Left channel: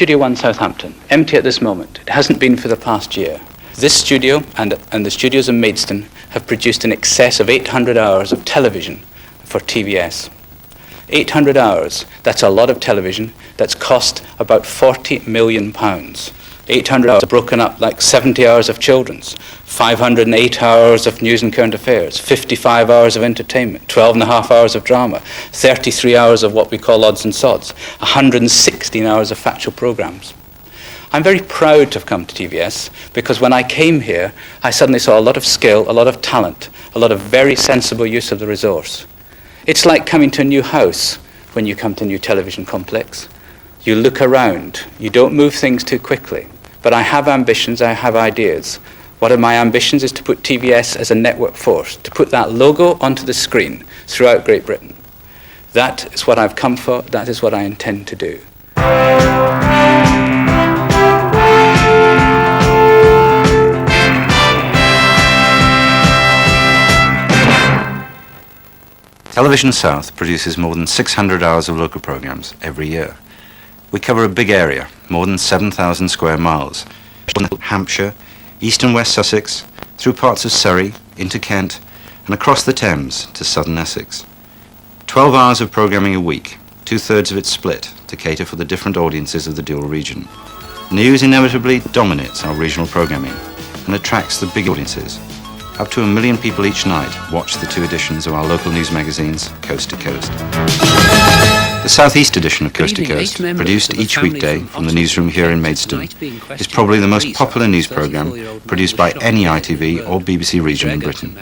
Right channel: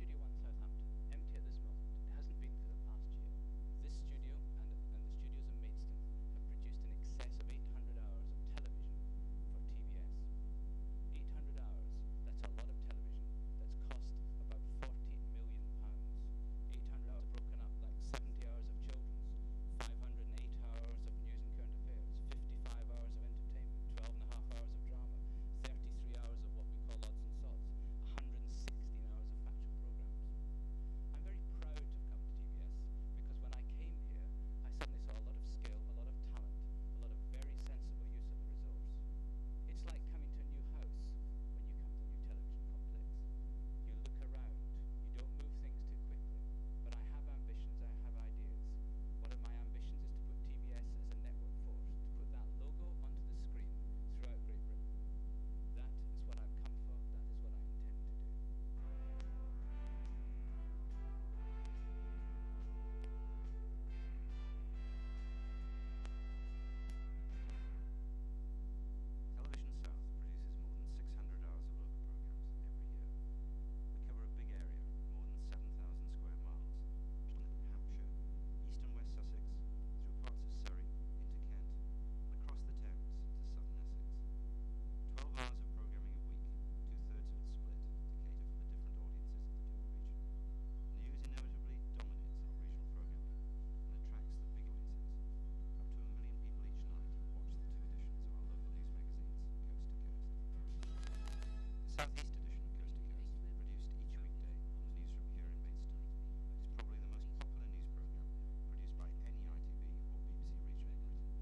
Studio 1 Southampton, empty at this moment. It hasn't been for the past year. This studio and the studios in Maidstone have produced in excess of 800 hours of television for TVS. 800 hours, that's a lot of television, that's cost about £40 million. 800 hours broken up like 70 hours of children's, 508 hours of news and current affairs, 55 hours of entertainment, 12 and a half hours of drama, 33 hours of what we call odds and sods, 116 hours of factual programmes. I'm very proud to have come to TVS because when I came here, I suddenly saw a lot of skill, a lot of talent, a lot of very sensible use of the resource. It's like coming to a new house when you come to a new television complex. You look around, you don't move things too quickly. But I have ambitions, I have ideas. One of my ambitions is to put TVS as a network force, to put that logo onto the screen throughout Great Britain. That is what I've come for, that is what I intend to do. Television South produces more than 600 hours of local programmes every year. We cover a big area, more than 7,000 square miles, Hampshire, east and west Sussex, through parts of Surrey, into Kent, and across the Thames to southern Essex. 12 hours of programming a week, 2/3 of it split to cater for the different audiences of the dual region. News inevitably dominates our regional programming and attracts the big audiences. Up to 1 million people each night watch the 2 editions of our local news magazines, Coast to Coast. The South East edition of Coast to Coast, produced each weekday from the newsroom here in Maidstone, is probably the most popular news programme produced by any ITV or BBC region in Britain,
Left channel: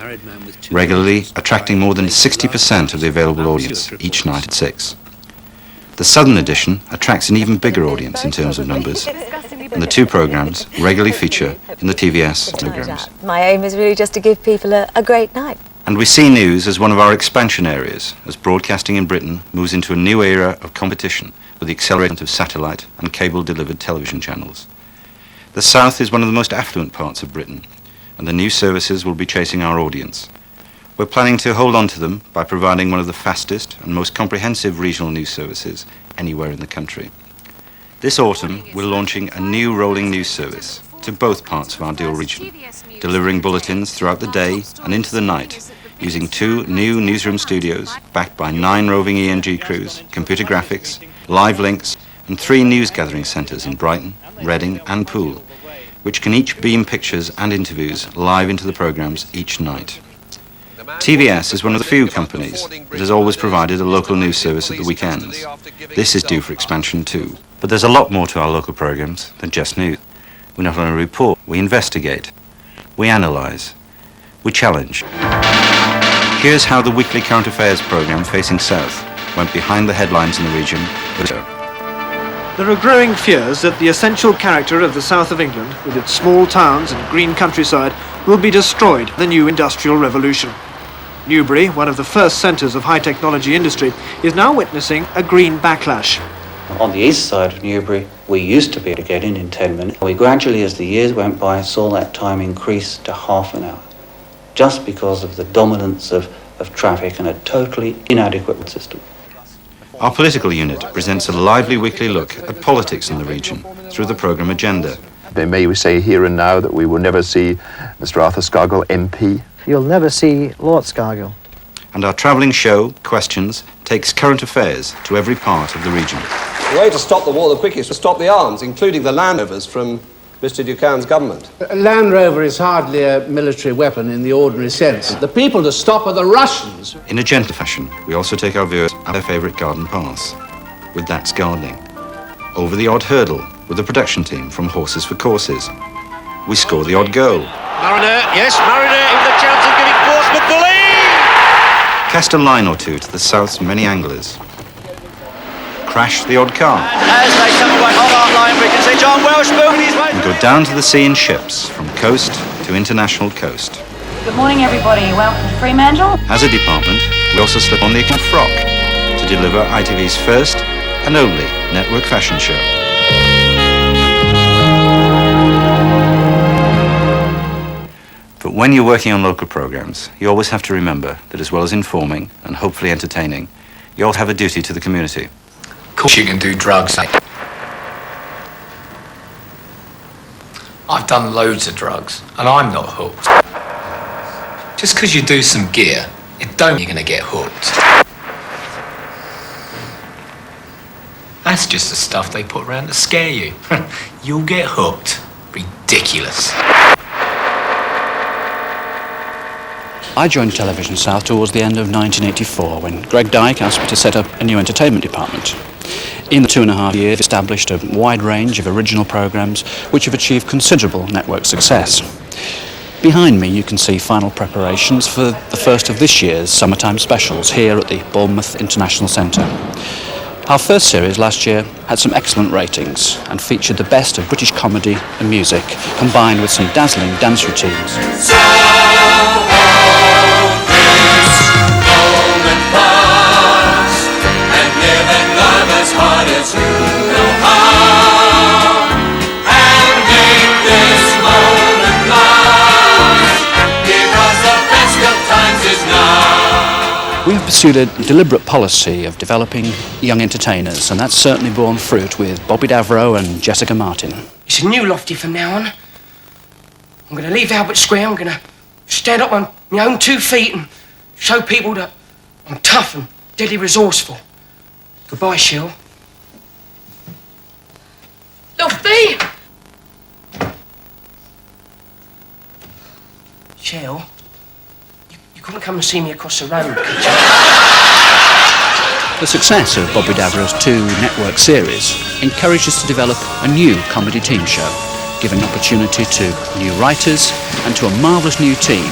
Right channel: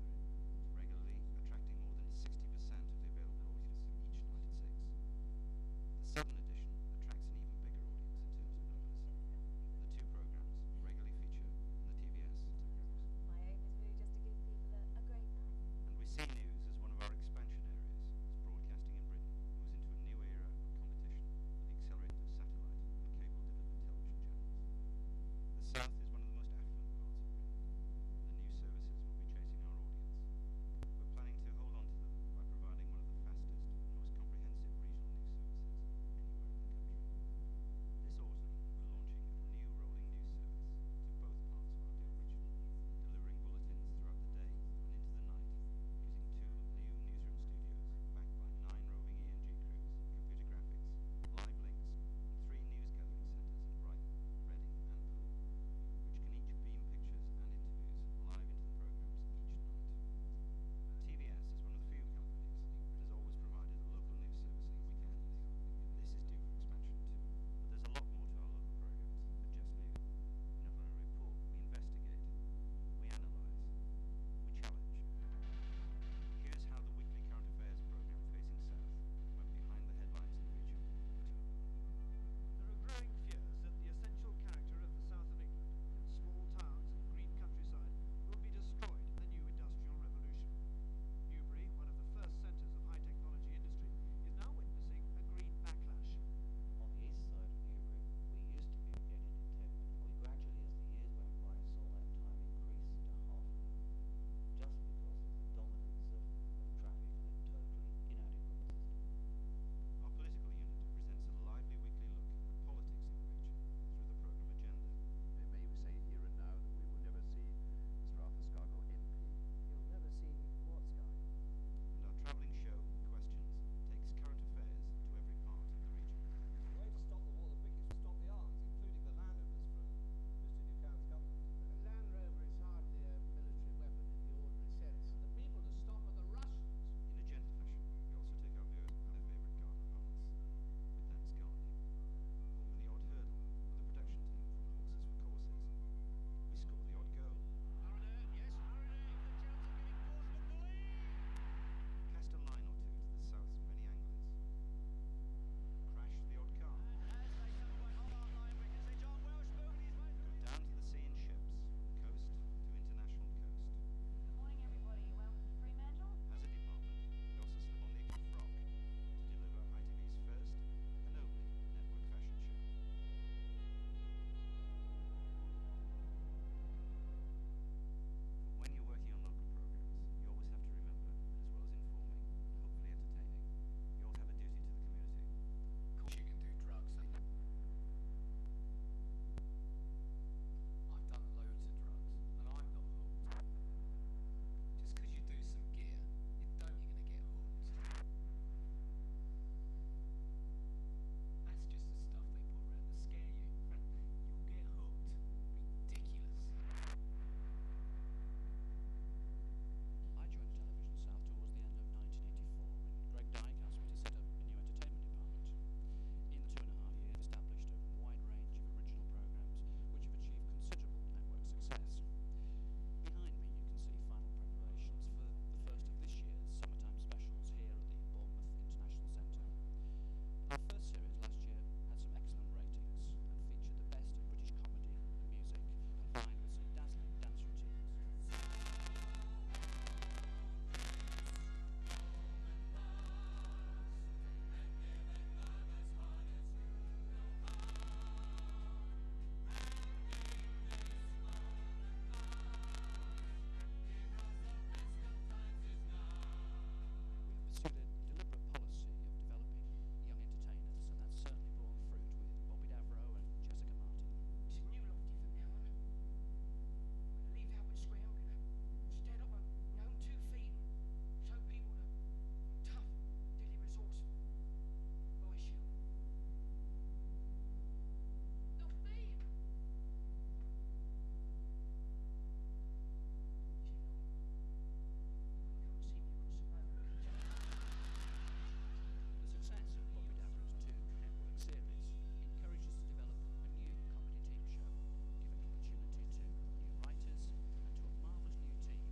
regularly attracting more than 60% of the available audience each night at 6. The Southern edition attracts an even bigger audience in terms of numbers, and the 2 programmes regularly feature in the TVS programmes. My aim is really just to give people a great night. And we see news as one of our expansion areas as broadcasting in Britain moves into a new era of competition with the acceleration of satellite and cable-delivered television channels. The South is one of the most affluent parts of Britain, and the new services will be chasing our audience. We're planning to hold on to them by providing one of the fastest and most comprehensive regional news services anywhere in the country. This autumn, we're launching a new rolling news service to both parts of our dual region, delivering bulletins throughout the day and into the night, using 2 new newsroom studios backed by 9 roving ENG crews, computer graphics, live links, and 3 news gathering centres in Brighton, Reading and Poole, which can each beam pictures and interviews live into the programmes each night. TVS is one of the few companies that has always provided a local news service at the weekends. This is due for expansion too. But there's a lot more to our local programmes than just news. We not only report, we investigate, we analyse, we challenge. Here's how the weekly current affairs programme Facing South went behind the headlines in the region. There are growing fears that the essential character of the south of England, with its small towns and green countryside, will be destroyed by the new industrial revolution. Newbury, one of the first centres of high technology industry, is now witnessing a green backlash. On the east side of Newbury, we used to be able to get in 10 minutes. We gradually, as the years went by, saw that time increase to half an hour, just because of the dominance of traffic and a totally inadequate system. Our political unit presents a lively weekly look at politics in the region through the programme Agenda. May we say here and now that we will never see Mr. Arthur Scargill, MP? You'll never see Lord Scargill. And our travelling show, Questions, takes current affairs to every part of the region. The way to stop the war the quickest is to stop the arms, including the Land Rovers from Mr. Ducan's government. A Land Rover is hardly a military weapon in the ordinary sense. The people to stop are the Russians. In a gentle fashion, we also take our viewers at their favourite garden paths, with That's Gardening. Over the odd hurdle, with the production team from Horses for Courses. We score the odd goal. Mariner, yes, Mariner in the chance of giving Portsmouth the lead! Cast a line or two to the South's many anglers. Crash the odd car. As they come away on our line, we can see John Welsh moving his way. And go down to the sea in ships, from coast to international coast. Good morning, everybody. Welcome to Fremantle. As a department, we also slip on the frock to deliver ITV's first and only network fashion show. But when you're working on local programmes, you always have to remember that as well as informing and hopefully entertaining, you also have a duty to the community. Of course you can do drugs. done loads of drugs, and I'm not hooked. Just because you do some gear, it don't mean you're going to get hooked. That's just the stuff they put around to scare you. You'll get hooked. Ridiculous. I joined Television South towards the end of 1984 when Greg Dyke asked me to set up a new entertainment department. In the 2.5 years, we've established a wide range of original programmes which have achieved considerable network success. Behind me you can see final preparations for the first of this year's summertime specials here at the Bournemouth International Centre. Our first series last year had some excellent ratings and featured the best of British comedy and music, combined with some dazzling dance routines. We have pursued a deliberate policy of developing young entertainers, and that's certainly borne fruit with Bobby Davro and Jessica Martin. It's a new Lofty from now on. I'm going to leave Albert Square. I'm going to stand up on my own 2 feet and show people that I'm tough and deadly resourceful. Goodbye, Shell. Lofty! Shell, you couldn't come and see me across the road, could you? The success of Bobby Davro's 2 network series encouraged us to develop a new comedy team show, giving opportunity to new writers and to a marvellous new team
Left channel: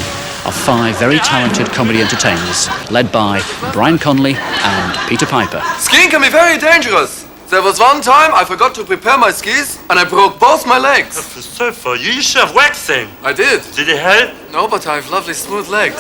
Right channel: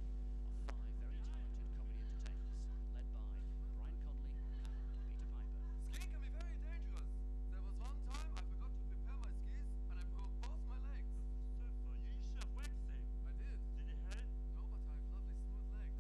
of 5 very talented comedy entertainers led by Brian Conley and Peter Piper. Skiing can be very dangerous. There was one time I forgot to prepare my skis and I broke both my legs. That's so for you. You should have waxing. I did. Did it help? No, but I have lovely smooth legs.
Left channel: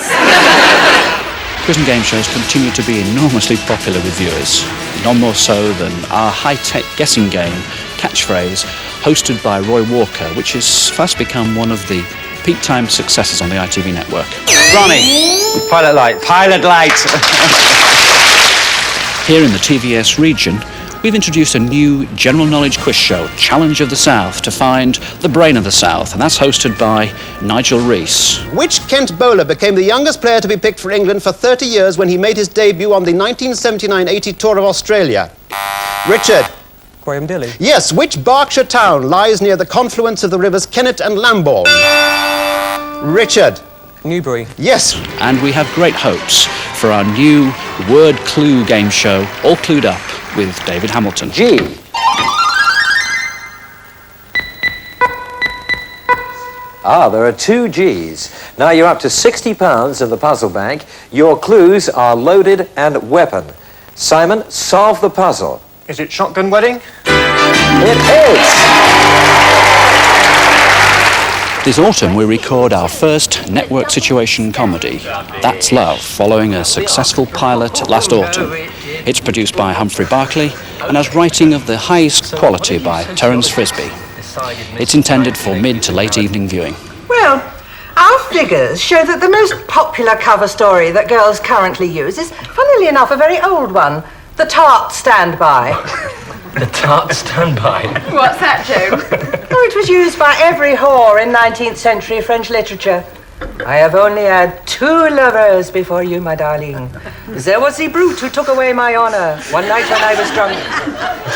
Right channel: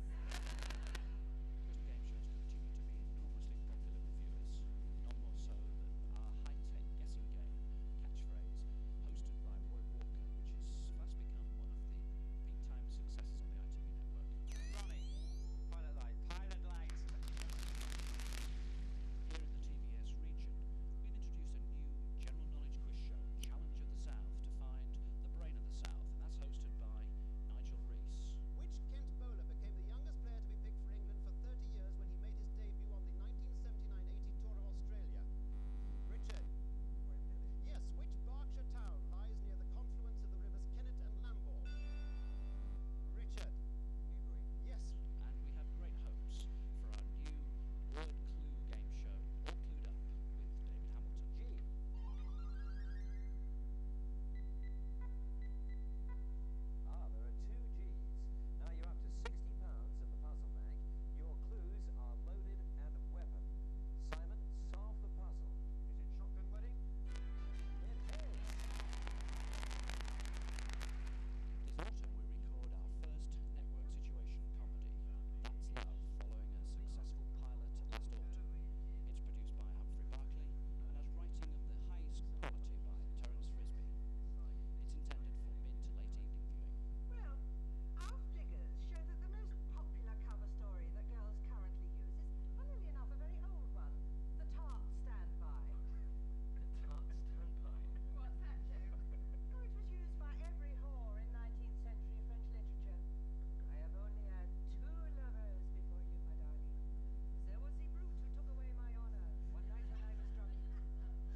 Quiz and game shows continue to be enormously popular with viewers, none more so than our high-tech guessing game, Catchphrase, hosted by Roy Walker, which has fast become one of the peak time successes on the ITV network. Ronnie, pilot light. Pilot light. Here in the TVS region, we've introduced a new general knowledge quiz show, Challenge of the South, to find the brain of the South, and that's hosted by Nigel Rees. Which Kent bowler became the youngest player to be picked for England for 30 years when he made his debut on the 1979-80 tour of Australia? Richard. Graham Dilly. Yes, which Berkshire town lies near the confluence of the rivers Kennet and Lambourne? Richard. Newbury. Yes. And we have great hopes for our new word clue game show, All Clued Up, with David Hamilton. G. There are 2 G's. Now you're up to £60 in the puzzle bank. Your clues are loaded and weapon. Simon, solve the puzzle. Is it Shotgun Wedding? It is! This autumn we record our first network situation comedy, That's Love, following a successful pilot last autumn. It's produced by Humphrey Barclay and has writing of the highest quality by Terence Frisbee. It's intended for mid to late evening viewing. Well, our figures show that the most popular cover story that girls currently use is, funnily enough, a very old one, The Tart Standby. The Tart Standby. What's that, Joe? Oh, it was used by every whore in 19th century French literature. I have only had 2 lovers before you, my darling. There was the brute who took away my honor one night when I was drunk.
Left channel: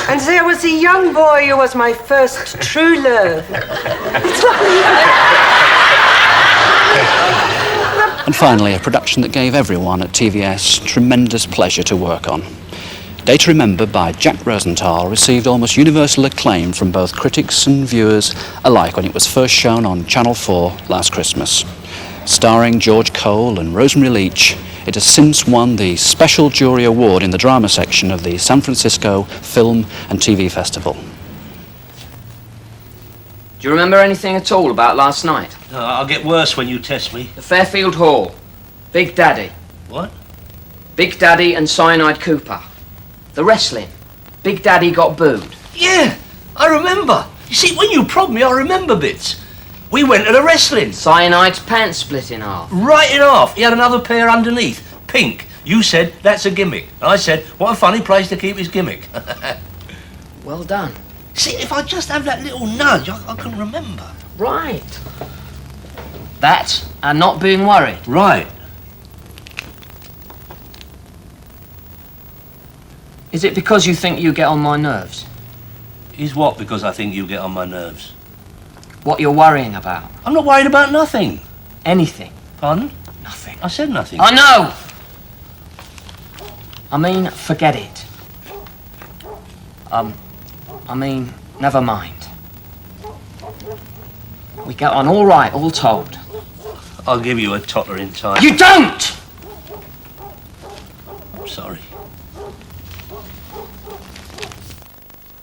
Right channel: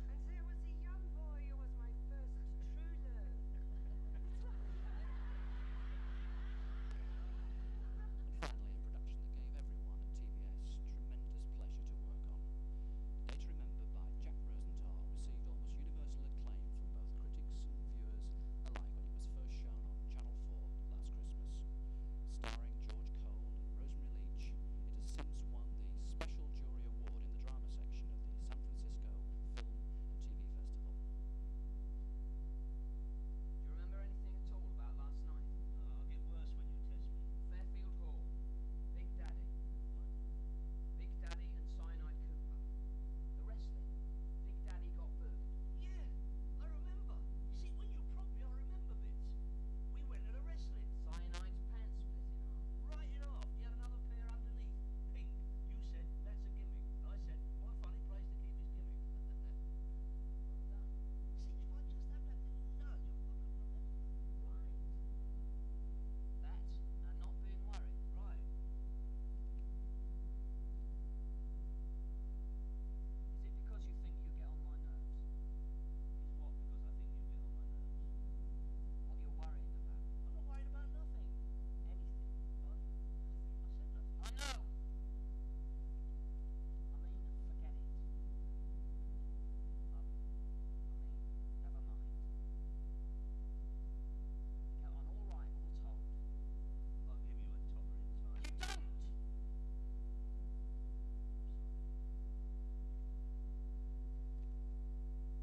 And there was the young boy who was my first true love. It's lovely. And finally, a production that gave everyone at TVS tremendous pleasure to work on. Day to Remember by Jack Rosenthal received almost universal acclaim from both critics and viewers alike when it was first shown on Channel 4 last Christmas. Starring George Cole and Rosemary Leach, it has since won the Special Jury Award in the drama section of the San Francisco Film and TV Festival. Do you remember anything at all about last night? I'll get worse when you test me. The Fairfield Hall. Big Daddy. What? Big Daddy and Cyanide Cooper. The wrestling. Big Daddy got booed. Yeah, I remember. You see, when you prod me, I remember bits. We went to the wrestling. Cyanide's pants split in half. Right in half. He had another pair underneath. Pink. You said, that's a gimmick. I said, what a funny place to keep his gimmick. Well done. See, if I just have that little nudge, I can remember. Right. That and not being worried. Right. Is it because you think you get on my nerves? Is what because I think you get on my nerves? What you're worrying about? I'm not worried about nothing. Anything? Pardon? Nothing. I said nothing. I know! I mean, forget it. I mean, never mind. We get on all right, all told. I'll give you a totter in time. You don't! I'm sorry.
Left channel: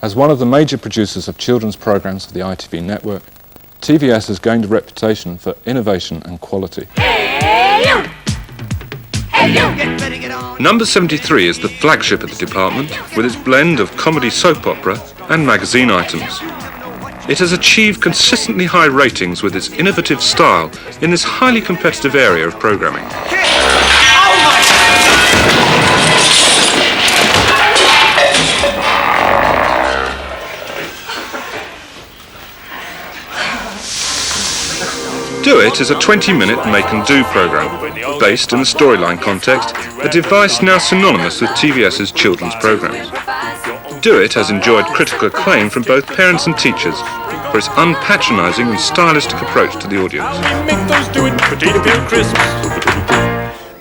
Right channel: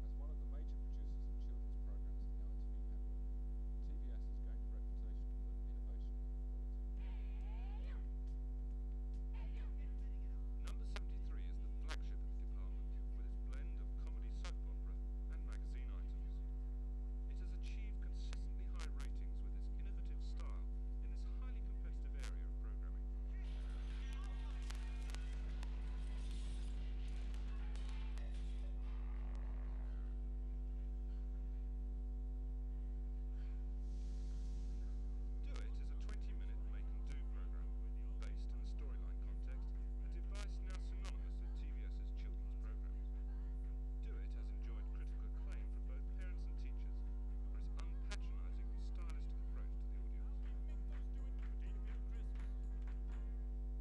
As one of the major producers of children's programmes of the ITV network, TVS has gained a reputation for innovation and quality. Number 73 is the flagship of the department, with its blend of comedy soap opera and magazine items. It has achieved consistently high ratings with its innovative style in this highly competitive area of programming. Do It is a 20-minute make-and-do programme, based in the storyline context, a device now synonymous with TVS's children's programmes. Do It has enjoyed critical acclaim from both parents and teachers for its unpatronising and stylistic approach to the audience.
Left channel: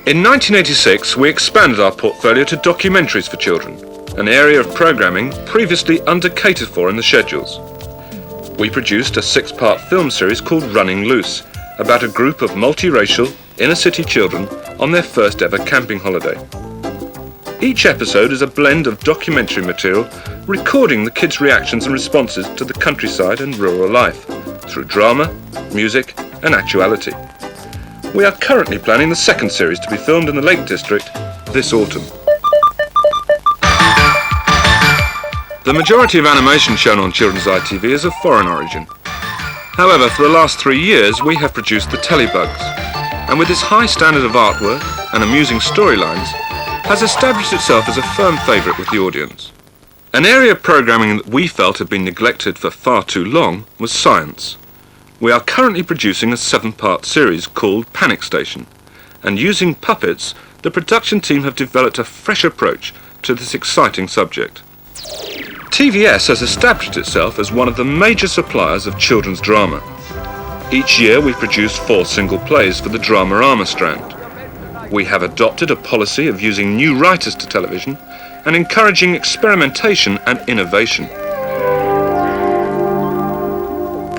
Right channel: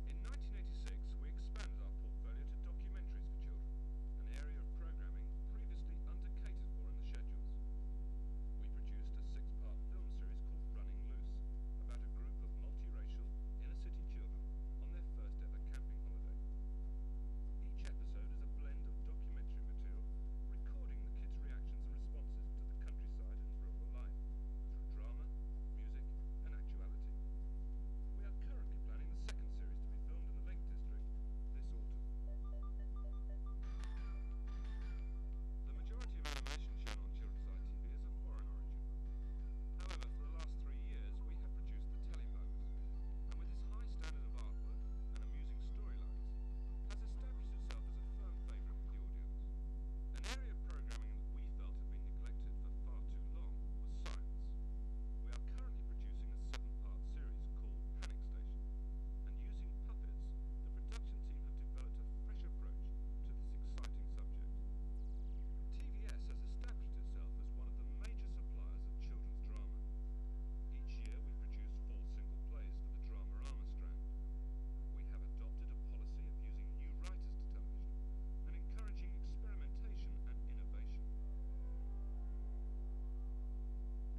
In 1986, we expanded our portfolio to documentaries for children, an area of programming previously under-catered for in the schedules. We produced a 6-part film series called Running Loose, about a group of multiracial, inner-city children on their first ever camping holiday. Each episode is a blend of documentary material recording the kids' reactions and responses to the countryside and rural life, through drama, music and actuality. We are currently planning the second series to be filmed in the Lake District this autumn. The majority of animation shown on children's ITV is of foreign origin. However, for the last 3 years, we have produced the Telebugs, and with its high standard of artwork and amusing storylines, has established itself as a firm favourite with the audience. An area of programming that we felt had been neglected for far too long was science. We are currently producing a 7-part series called Panic Station, and using puppets, the production team have developed a fresh approach to this exciting subject. TVS has established itself as one of the major suppliers of children's drama. Each year we produce 4 single plays for the drama armour strand. We have adopted a policy of using new writers to television and encouraging experimentation and innovation.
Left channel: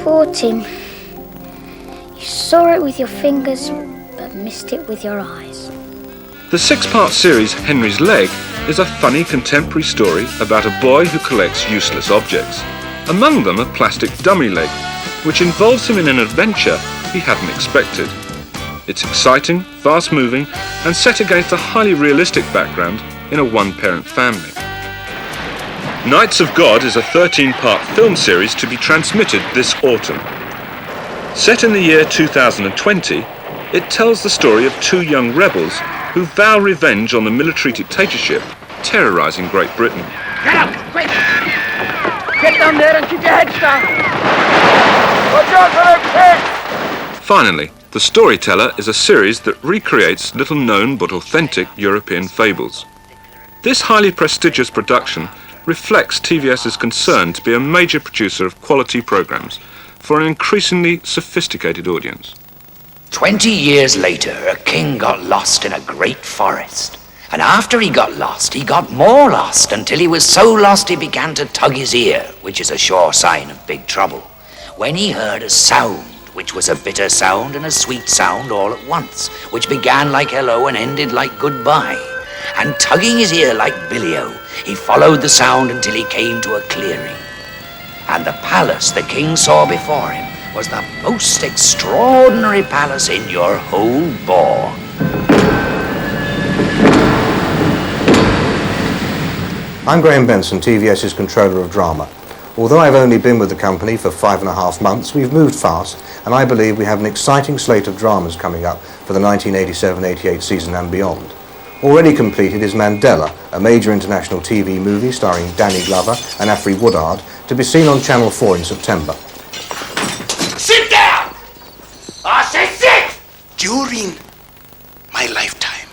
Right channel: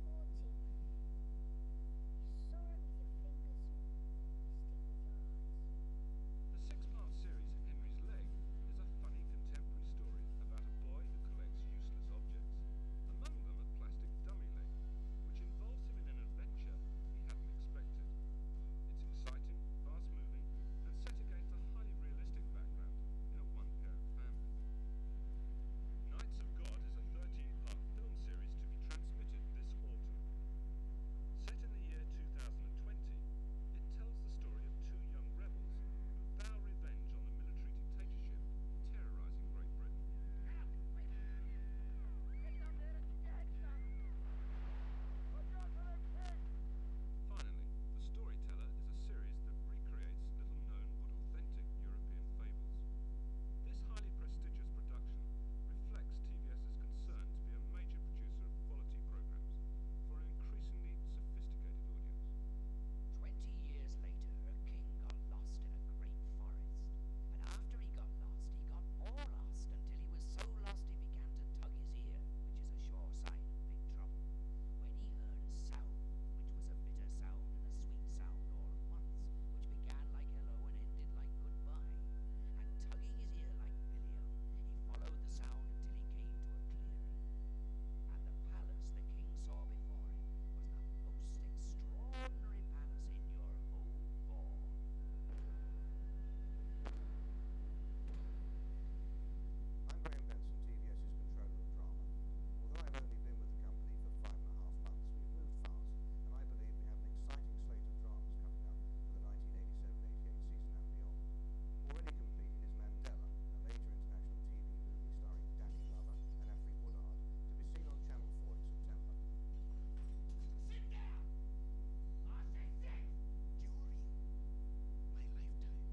Poor Tim. You saw it with your fingers, but missed it with your eyes. The 6-part series Henry's Leg is a funny contemporary story about a boy who collects useless objects. Among them a plastic dummy leg, which involves him in an adventure he hadn't expected. It's exciting, fast-moving, and set against a highly realistic background in a one-parent family. Knights of God is a 13-part film series to be transmitted this autumn. Set in the year 2020, it tells the story of 2 young rebels who vow revenge on the military dictatorship terrorising Great Britain. Get up, quick! Get down there and keep your heads down! Watch out for them kids! Finally, The Storyteller is a series that recreates little-known but authentic European fables. This highly prestigious production reflects TVS's concern to be a major producer of quality programmes for an increasingly sophisticated audience. 20 years later, a king got lost in a great forest. And after he got lost, he got more lost until he was so lost he began to tug his ear, which is a sure sign of big trouble, when he heard a sound, which was a bitter sound and a sweet sound all at once, which began like hello and ended like goodbye. And tugging his ear like Billy-O, he followed the sound until he came to a clearing. And the palace the king saw before him was the most extraordinary palace in your whole bore. I'm Graham Benson, TVS's Controller of Drama. Although I've only been with the company for 5.5 months, we've moved fast, and I believe we have an exciting slate of dramas coming up for the 1987-88 season and beyond. Already completed is Mandela, a major international TV movie starring Danny Glover and Afri Woodard, to be seen on Channel 4 in September. Sit down! During my lifetime,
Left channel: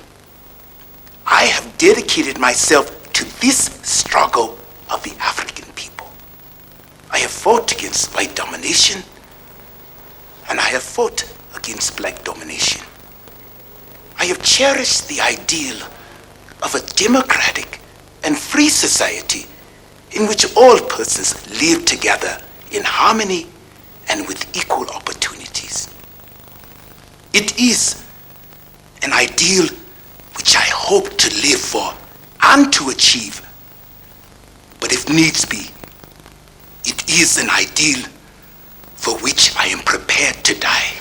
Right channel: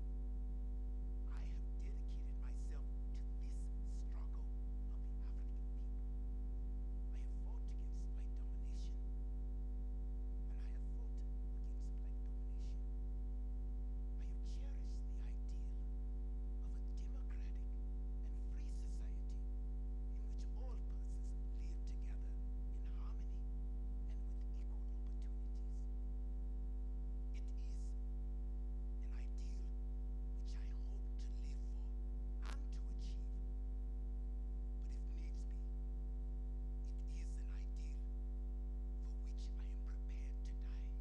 I have dedicated myself to this struggle of the African people. I have fought against white domination, and I have fought against black domination. I have cherished the ideal of a democratic and free society in which all persons live together in harmony and with equal opportunities. It is an ideal which I hope to live for and to achieve. But if needs be, it is an ideal for which I am prepared to die.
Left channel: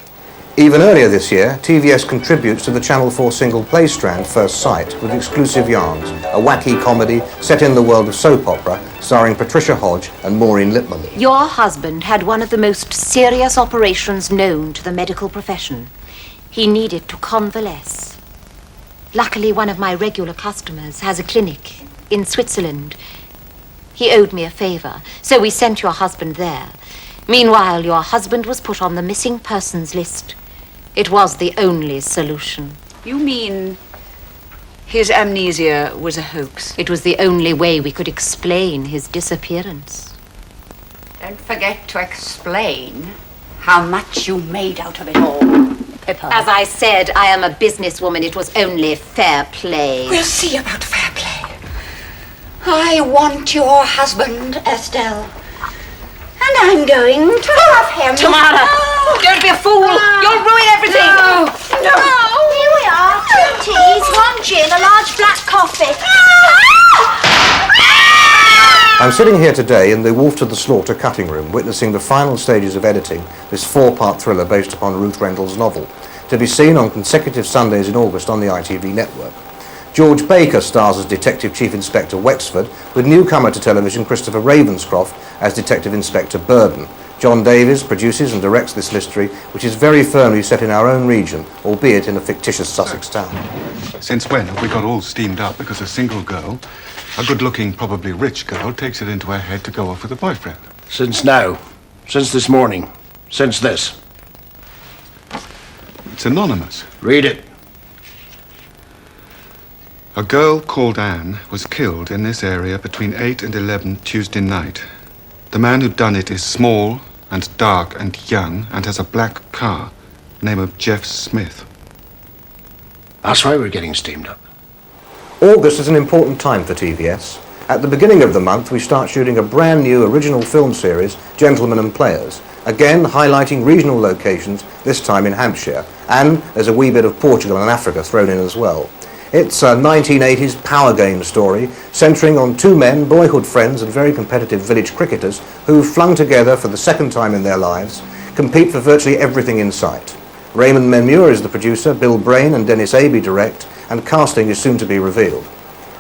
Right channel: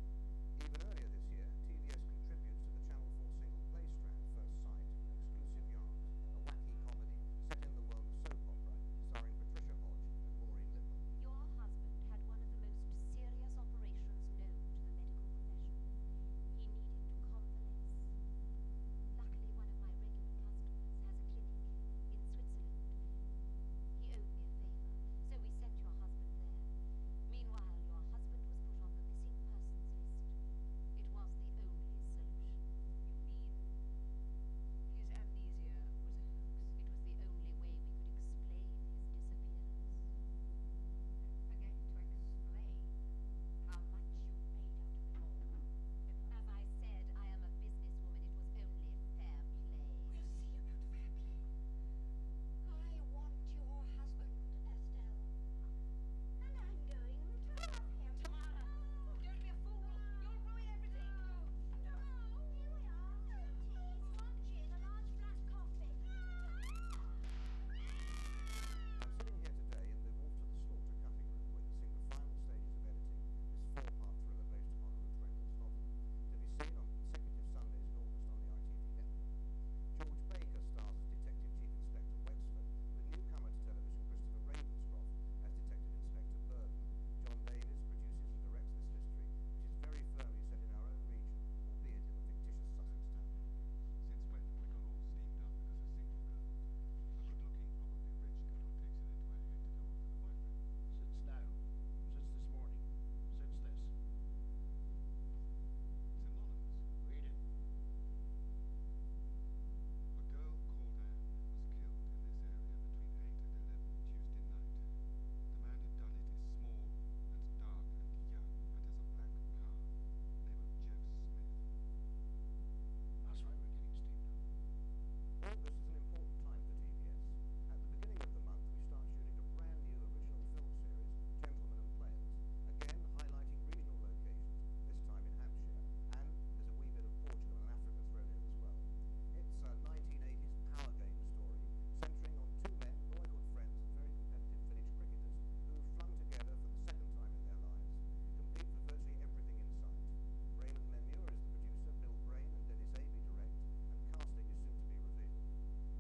Even earlier this year, TVS contributes to the Channel 4 single play strand First Sight with Exclusive Yarns, a wacky comedy set in the world of soap opera starring Patricia Hodge and Maureen Lipman. Your husband had one of the most serious operations known to the medical profession. He needed to convalesce. Luckily, one of my regular customers has a clinic in Switzerland. He owed me a favor, so we sent your husband there. Meanwhile, your husband was put on the missing persons list. It was the only solution. You mean his amnesia was a hoax? It was the only way we could explain his disappearance. Don't forget to explain how much you made out of it all, Pippa. As I said, I am a businesswoman. It was only fair play. We'll see about fair play. I want your husband, Estelle. And I'm going to have him. Tamara, don't be a fool. You'll ruin everything. No. Here we are. 2 teas, 1 gin, a large black coffee. I'm sitting here today in the Wolf to the Slaughter cutting room, witnessing the final stages of editing this 4-part thriller based upon Ruth Rendell's novel, to be seen on consecutive Sundays in August on the ITV network. George Baker stars as Detective Chief Inspector Wexford, with newcomer to television Christopher Ravenscroft as Detective Inspector Burden. John Davies produces and directs this mystery, which is very firmly set in our own region, albeit in a fictitious Sussex town. Since when have we got all steamed up because a single girl, a good-looking, probably rich girl, takes it into her head to go off with a boyfriend? Since now. Since this morning. Since this. It's anonymous. Read it. A girl called Anne was killed in this area between 8 and 11 Tuesday night. The man who done it is small and dark and young and has a black car. Name of Jeff Smith. That's why we're getting steamed up. August is an important time for TVS. At the beginning of the month, we start shooting a brand new original film series, Gentlemen and Players, again highlighting regional locations, this time in Hampshire, and there's a wee bit of Portugal and Africa thrown in as well. It's a 1980s power game story centering on 2 men, boyhood friends and very competitive village cricketers who, flung together for the second time in their lives, compete for virtually everything in sight. Raymond Memure is the producer, Bill Brain and Dennis Aby direct, and casting is soon to be revealed.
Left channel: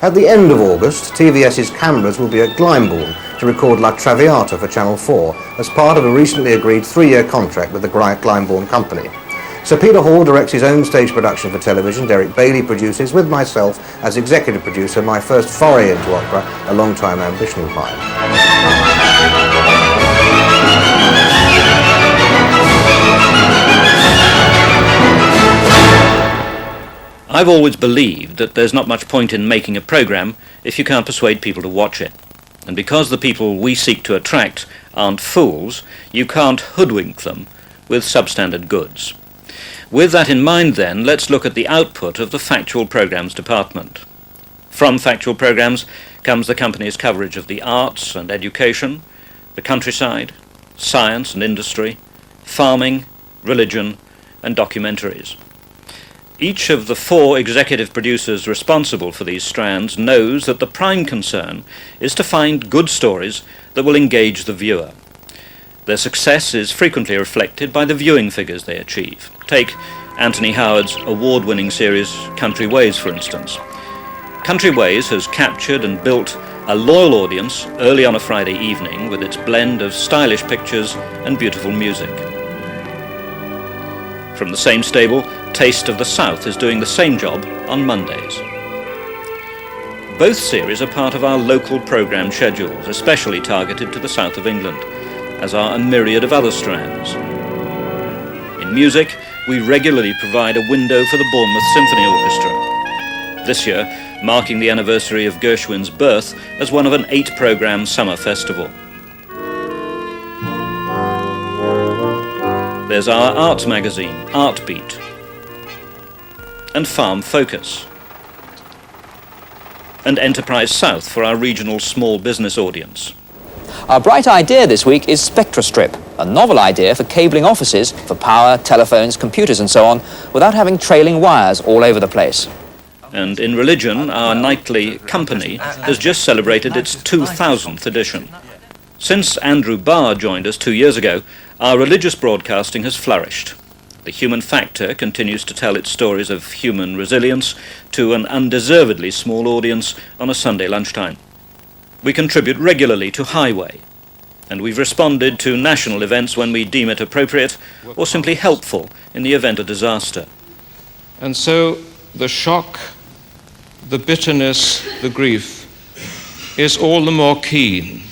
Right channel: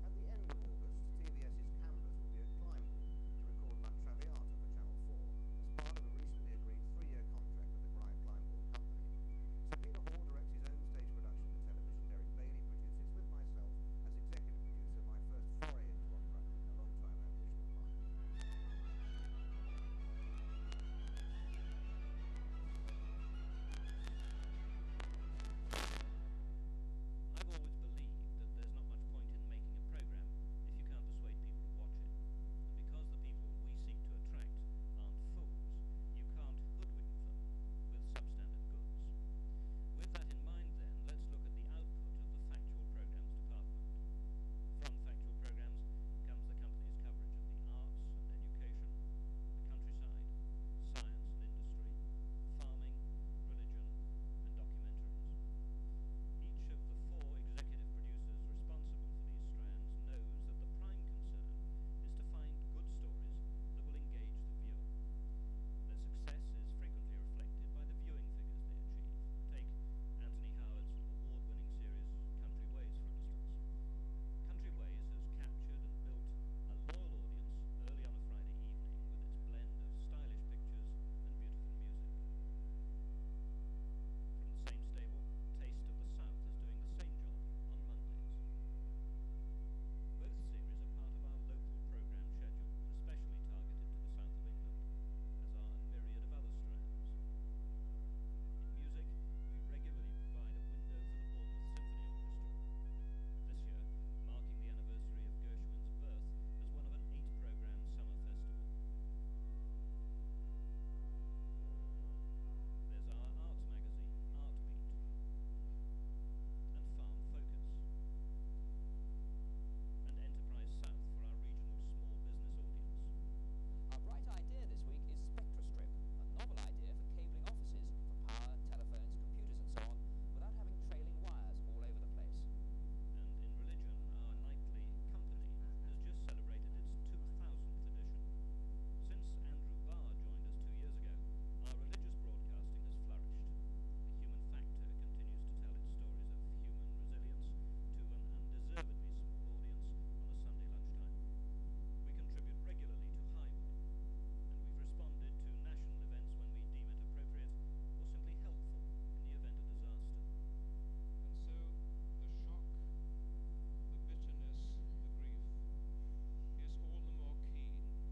At the end of August, TVS's cameras will be at Glyndebourne to record La Traviata for Channel 4 as part of a recently agreed 3-year contract with the Glyndebourne company. Sir Peter Hall directs his own stage production for television. Derek Bailey produces, with myself as executive producer, my first foray into opera, a long-time ambition of mine. I've always believed that there's not much point in making a programme if you can't persuade people to watch it. And because the people we seek to attract aren't fools, you can't hoodwink them with substandard goods. With that in mind then, let's look at the output of the Factual Programmes department. From Factual Programmes comes the company's coverage of the arts and education, the countryside, science and industry, farming, religion and documentaries. Each of the 4 executive producers responsible for these strands knows that the prime concern is to find good stories that will engage the viewer. Their success is frequently reflected by the viewing figures they achieve. Take Anthony Howard's award-winning series Country Ways, for instance. Country Ways has captured and built a loyal audience early on a Friday evening with its blend of stylish pictures and beautiful music. From the same stable, Taste of the South is doing the same job on Mondays. Both series are part of our local programme schedules, especially targeted to the south of England, as are a myriad of other strands. In music, we regularly provide a window for the Bournemouth Symphony Orchestra. This year, marking the anniversary of Gershwin's birth as one of an 8-programme summer festival. There's our arts magazine, Artbeat, and Farm Focus, and Enterprise South for our regional small business audience. Our bright idea this week is SpectraStrip, a novel idea for cabling offices for power, telephones, computers and so on, without having trailing wires all over the place. And in religion, our nightly company has just celebrated its 2000th edition. Since Andrew Barr joined us 2 years ago, our religious broadcasting has flourished. The Human Factor continues to tell its stories of human resilience to an undeservedly small audience on a Sunday lunchtime. We contribute regularly to Highway, and we've responded to national events when we deem it appropriate or simply helpful in the event of disaster. And so the shock, the bitterness, the grief is all the more keen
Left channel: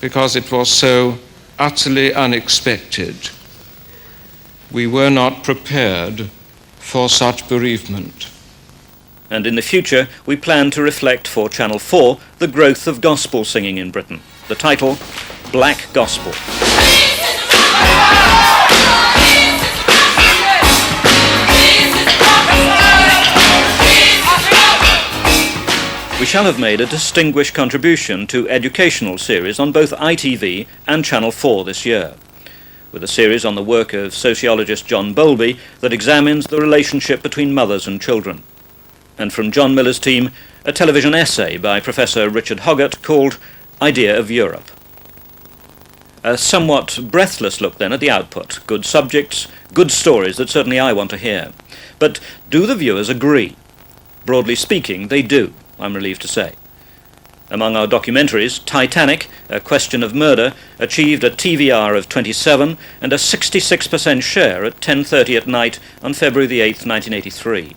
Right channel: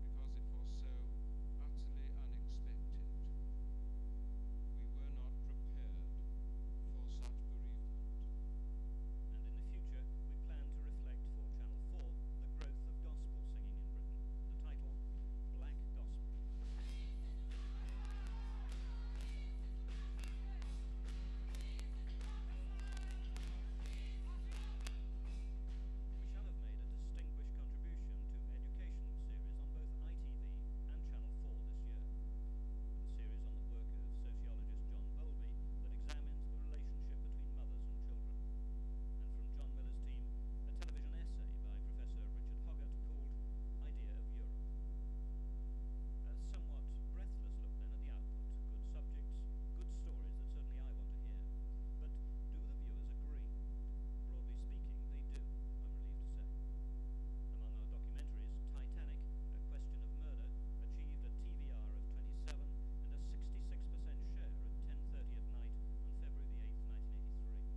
because it was so utterly unexpected. We were not prepared for such bereavement. And in the future, we plan to reflect for Channel 4 the growth of gospel singing in Britain. The title, Black Gospel. We shall have made a distinguished contribution to educational series on both ITV and Channel 4 this year, with a series on the work of sociologist John Bowlby that examines the relationship between mothers and children. And from John Miller's team, a television essay by Professor Richard Hoggart called Idea of Europe. A somewhat breathless look then at the output. Good subjects, good stories that certainly I want to hear. But do the viewers agree? Broadly speaking, they do, I'm relieved to say. Among our documentaries, Titanic, A Question of Murder, achieved a TVR of 27 and a 66% share at 10:30 at night on February the 8th, 1983.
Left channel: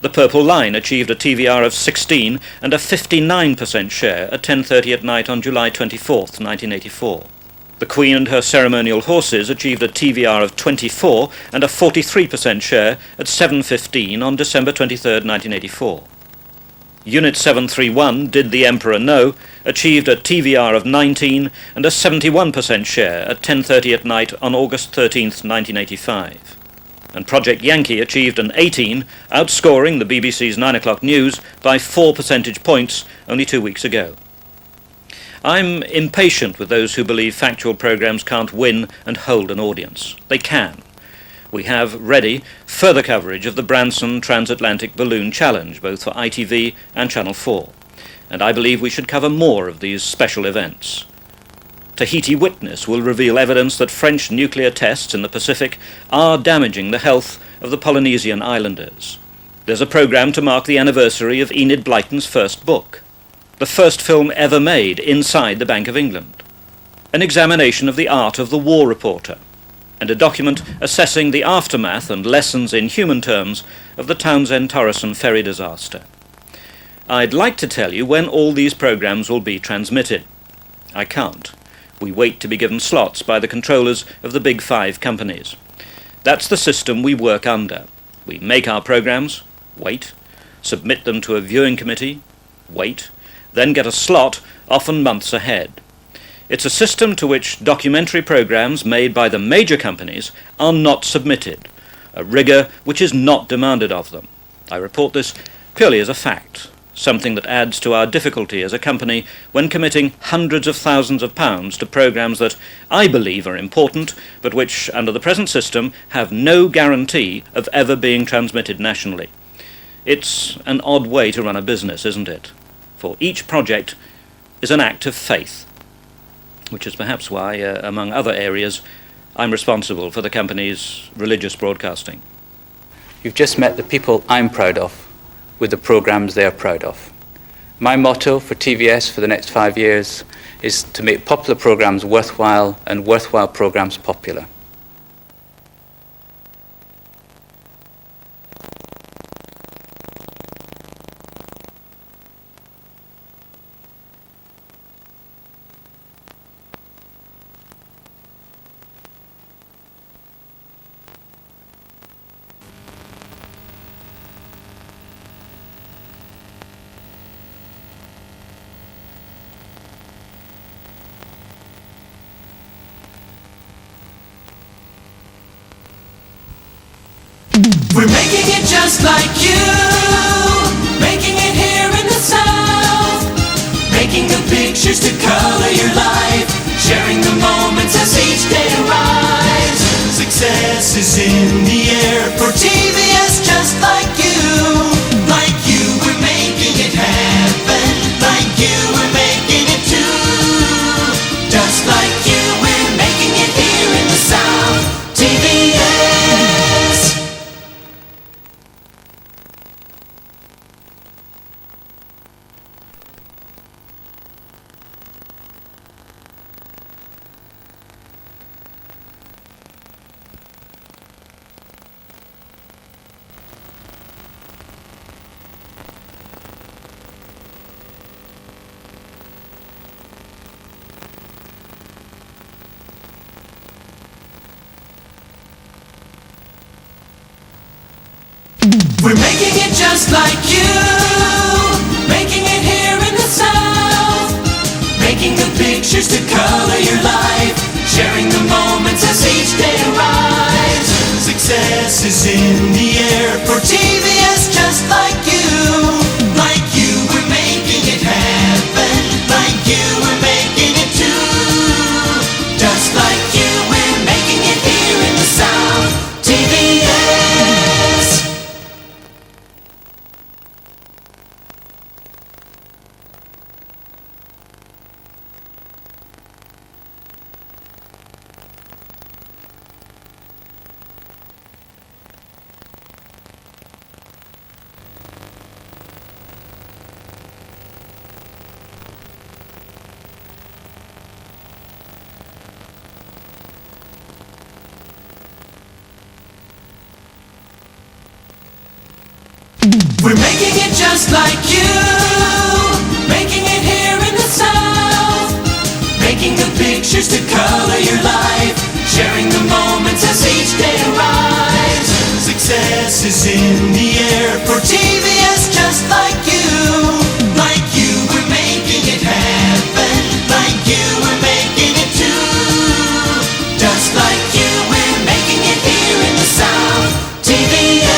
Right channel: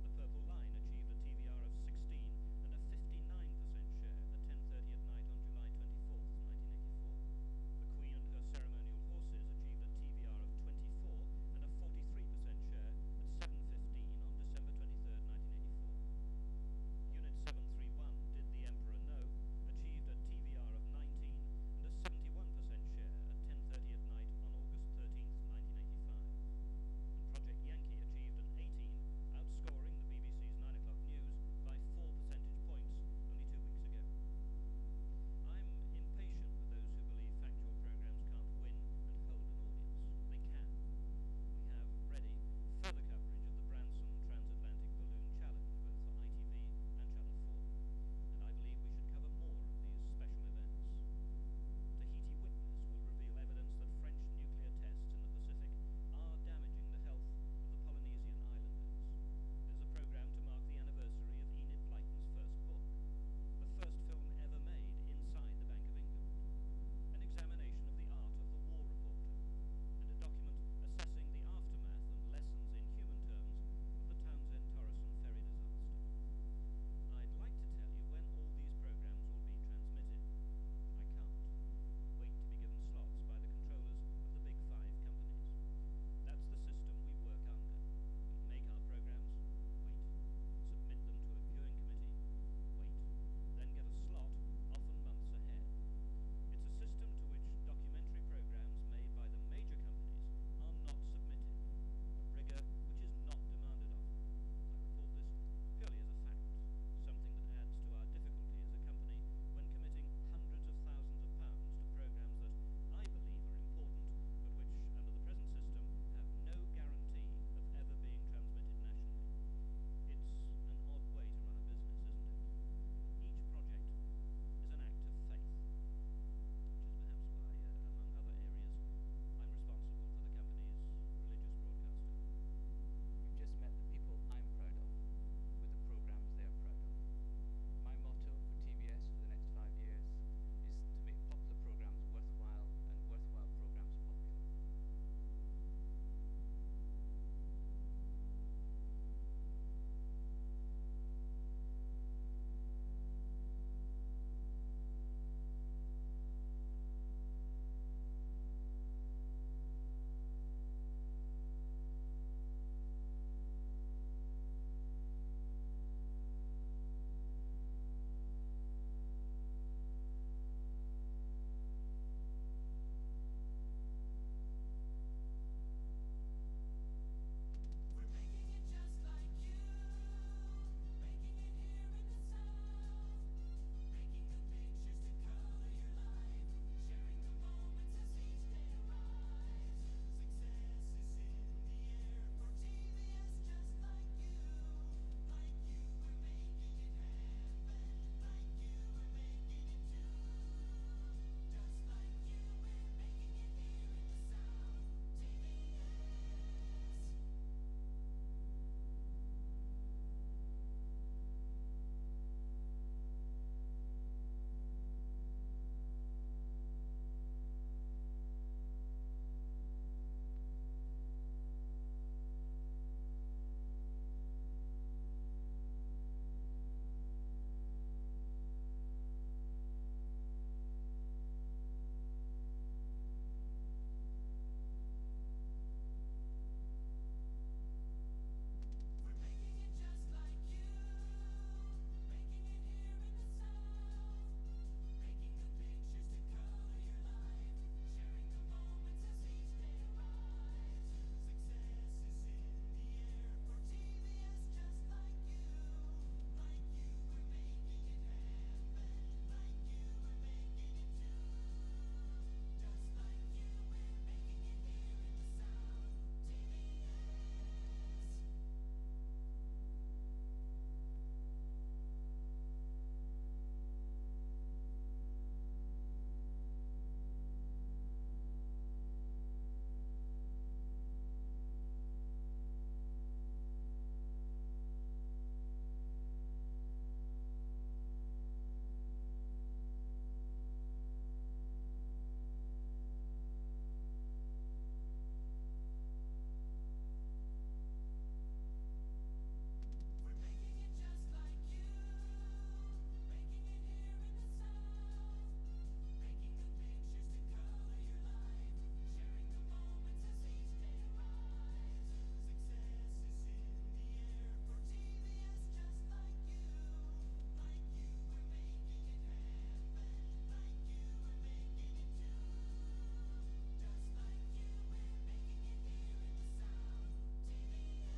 The Purple Line achieved a TVR of 16 and a 59% share at 10:30 at night on July 24th, 1984. The Queen and Her Ceremonial Horses achieved a TVR of 24 and a 43% share at 7:15 on December 23rd, 1984. Unit 731, Did the Emperor Know, achieved a TVR of 19 and a 71% share at 10:30 at night on August 13th, 1985. And Project Yankee achieved an 18, outscoring the BBC's 9 o'clock news by 4 percentage points only 2 weeks ago. I'm impatient with those who believe factual programmes can't win and hold an audience. They can. We have ready further coverage of the Branson Transatlantic Balloon Challenge, both for ITV and Channel 4. And I believe we should cover more of these special events. Tahiti Witness will reveal evidence that French nuclear tests in the Pacific are damaging the health of the Polynesian islanders. There's a programme to mark the anniversary of Enid Blyton's first book, the first film ever made inside the Bank of England, an examination of the art of the war reporter, and a document assessing the aftermath and lessons in human terms of the Townsend-Torreson ferry disaster. I'd like to tell you when all these programmes will be transmitted. I can't. We wait to be given slots by the controllers of the big 5 companies. That's the system we work under. We make our programmes, wait, submit them to a viewing committee, wait, then get a slot, often months ahead. It's a system to which documentary programmes made by the major companies are not submitted, a rigour which is not demanded of them. I report this purely as a fact, something that adds to our difficulty as a company when committing hundreds of thousands of pounds to programmes that I believe are important, but which, under the present system, have no guarantee of ever being transmitted nationally. It's an odd way to run a business, isn't it? For each project is an act of faith, which is perhaps why, among other areas, I'm responsible for the company's religious broadcasting. You've just met the people I'm proud of, with the programmes they are proud of. My motto for TVS for the next 5 years is to make popular programmes worthwhile and worthwhile programmes popular. We're making it just like you, making it here in the South, making the pictures to color your life, sharing the moments as each day arrives. Success is in the air for TVS, just like you, we're making it happen, like you, we're making it too, just like you, we're making it here in the South, TVS. We're making it just like you, making it here in the South, making the pictures to color your life, sharing the moments as each day arrives. Success is in the air for TVS, just like you, we're making it happen, like you, we're making it too, just like you, we're making it here in the South, TVS. We're making it just like you, making it here in the South, making the pictures to color your life, sharing the moments as each day arrives. Success is in the air for TVS, just like you, we're making it happen, like you, we're making it too, just like you, we're making it here in the South, TVS.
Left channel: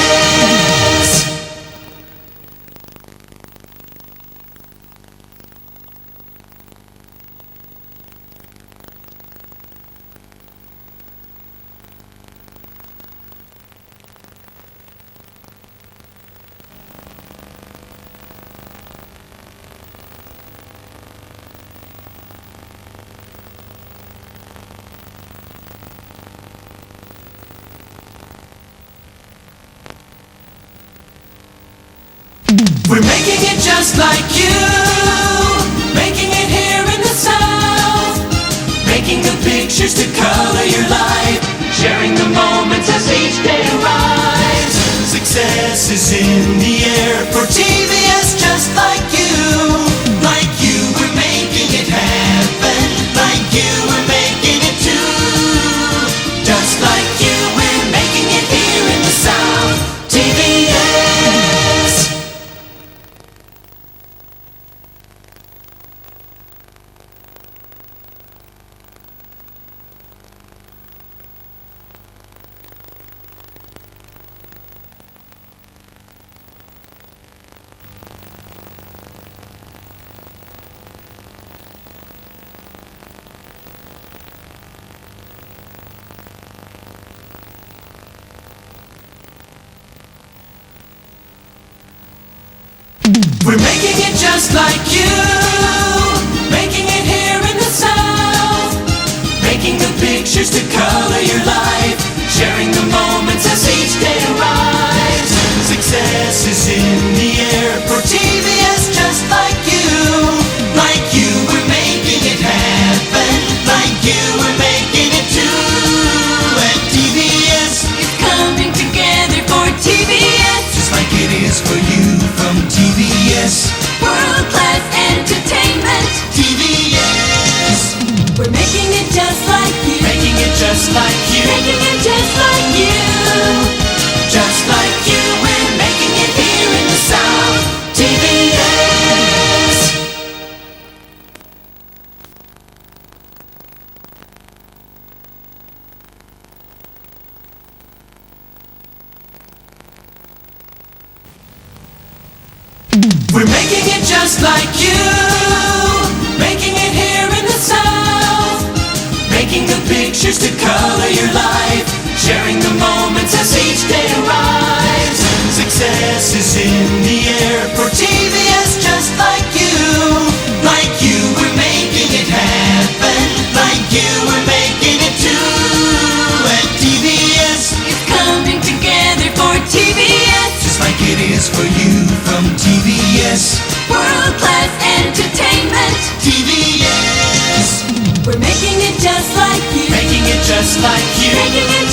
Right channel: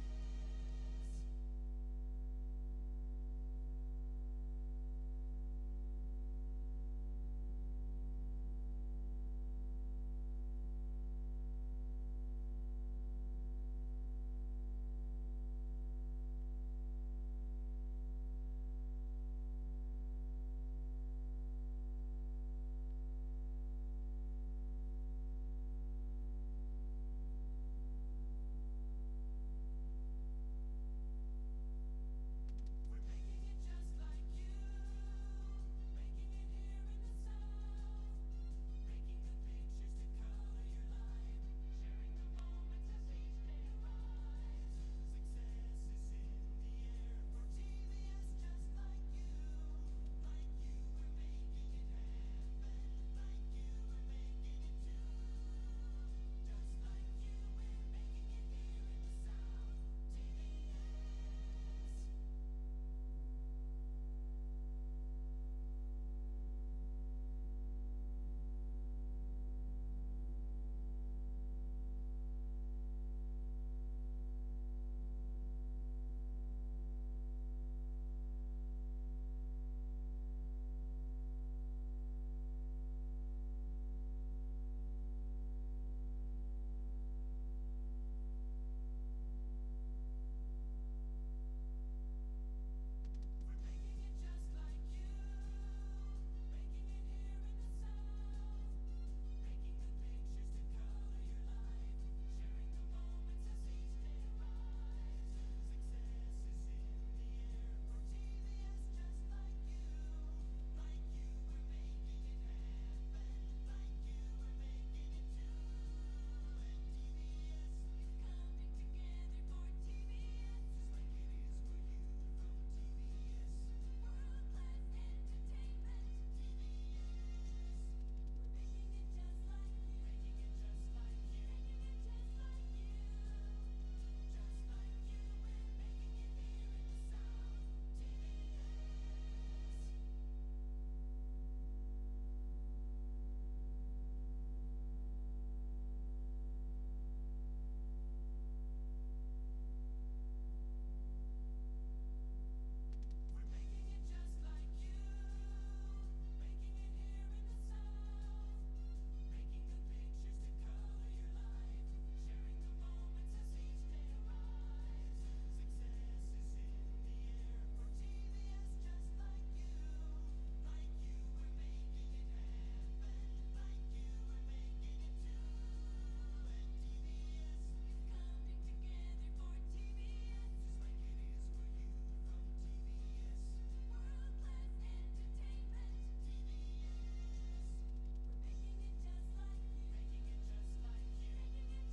We're making it just like you, making it here in the South, making the pictures to color your life, sharing the moments as each day arrives. Success is in the air for TVS, just like you, we're making it happen, like you, we're making it too, just like you, we're making it here in the South, TVS. We're making it just like you, making it here in the South, making the pictures to color your life, sharing the moments as each day arrives. Success is in the air for TVS, just like you, we're making it happen, like you, we're making it too, and TVS is coming together for TVS, just like it is for you from TVS. World-class entertainment, TVS. We're making it just like you, making it just like you, making it just like you, just like you. We're making it here in the South, TVS. We're making it just like you, making it here in the South, making the pictures to color your life, sharing the moments as each day arrives. Success is in the air for TVS, just like you. Like you, we're making it happen. Like you, we're making it too. And TVS is coming together for TVS, just like it is for you from TVS. World-class entertainment, TVS. We're making it just like you. Making it just like you. Making it